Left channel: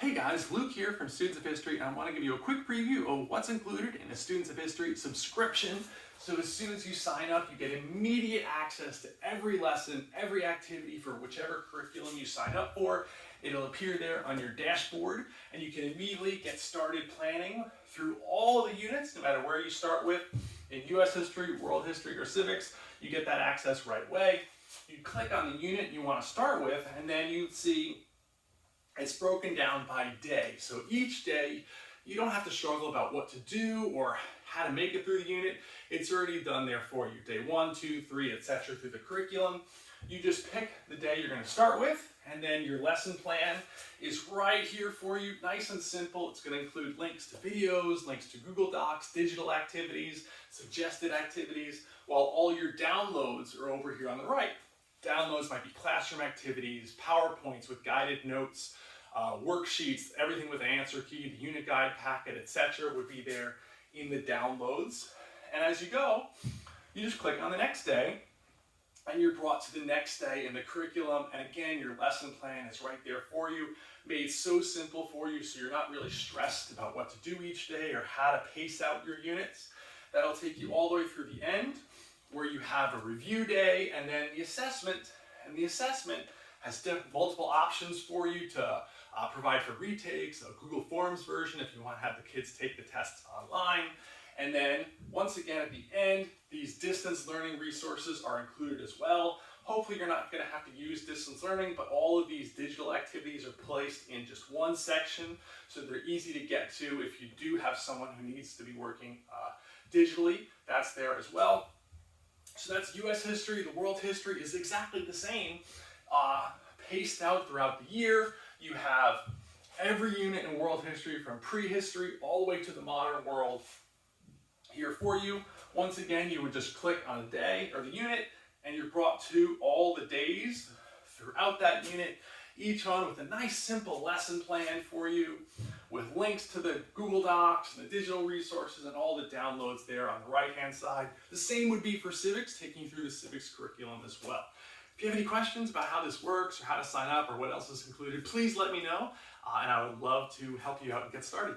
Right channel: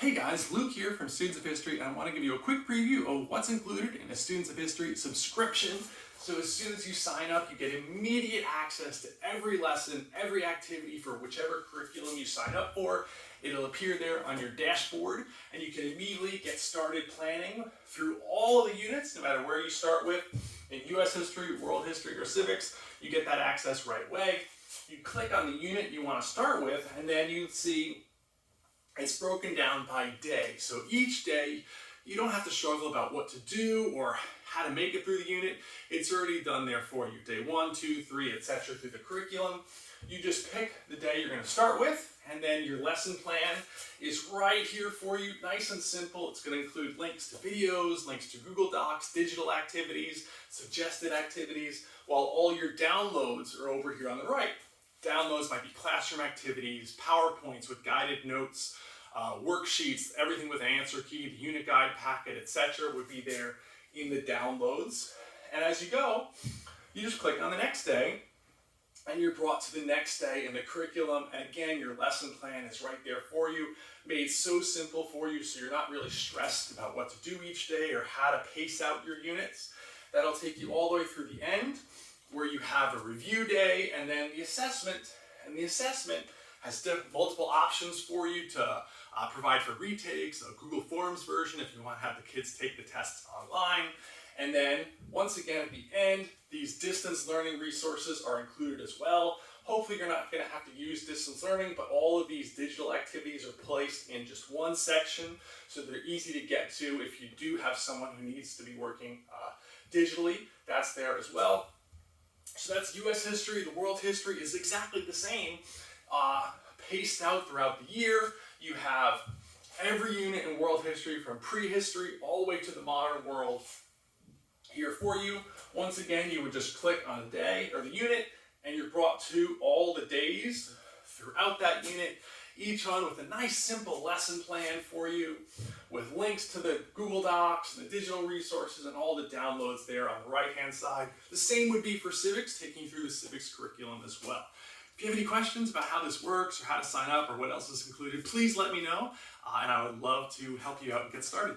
Hey guys, Luke here from Students of History, and I want to give you a quick preview of what's included in a Students of History subscription. So as soon as you sign up, you get immediate access to every lesson, every activity for whichever curriculum you sign up for. It'll appear there on your dashboard, and you can immediately get started planning through all the units, no matter where you start with. In US history, world history, or civics, you get that access right away. You click on the unit you want to start with, and then you see it's broken down by day. So each day, you don't have to struggle about what to do or how to make it through the unit. It's already done there for you. Day 1, 2, 3, etc. through the curriculum. You just pick the day you're going to start with, and then your lesson plan is right here for you. Nice and simple. It's going to include links to videos, links to Google Docs, digital activities, suggested activities, while all your downloads are over here on the right. Downloads might be classroom activities, PowerPoints with guided notes, worksheets, everything with answer key, the unit guide packet, etc. would be there in the downloads. And as you go, you just click on the next day, and you're brought to the next day in the curriculum. And again, your lesson plan is right there for you, made so simple for you so you're not really stressed about what to do each day or how to pace out your units. That'll take you all the way through the end, where you have a review day and then the assessment. And the assessment has multiple options for you to provide for retakes, a Google Forms version if you want to have the kids take the tests online. And then once again at the end, these distance learning resources are included as well. Hopefully you're not going to have to use distance learning, but all of these digital activities are placed in just one section, so they're easy to get to if you do have someone who needs to be working digitally. That's there as well. So that's US history. The world history is exactly the same, paced out throughout the year. You have every unit in world history from prehistory all the way to the modern world here for you. Once again, you would just click on the day or the unit, and you're brought to all the days throughout that unit, each one with a nice simple lesson plan for you, with links to the Google Docs and the digital resources and all the downloads there on the right-hand side. The same would be for civics, taking you through the civics curriculum as well. If you have any questions about how this works or how to sign up or what else is included, please let me know, and I would love to help you out and get started.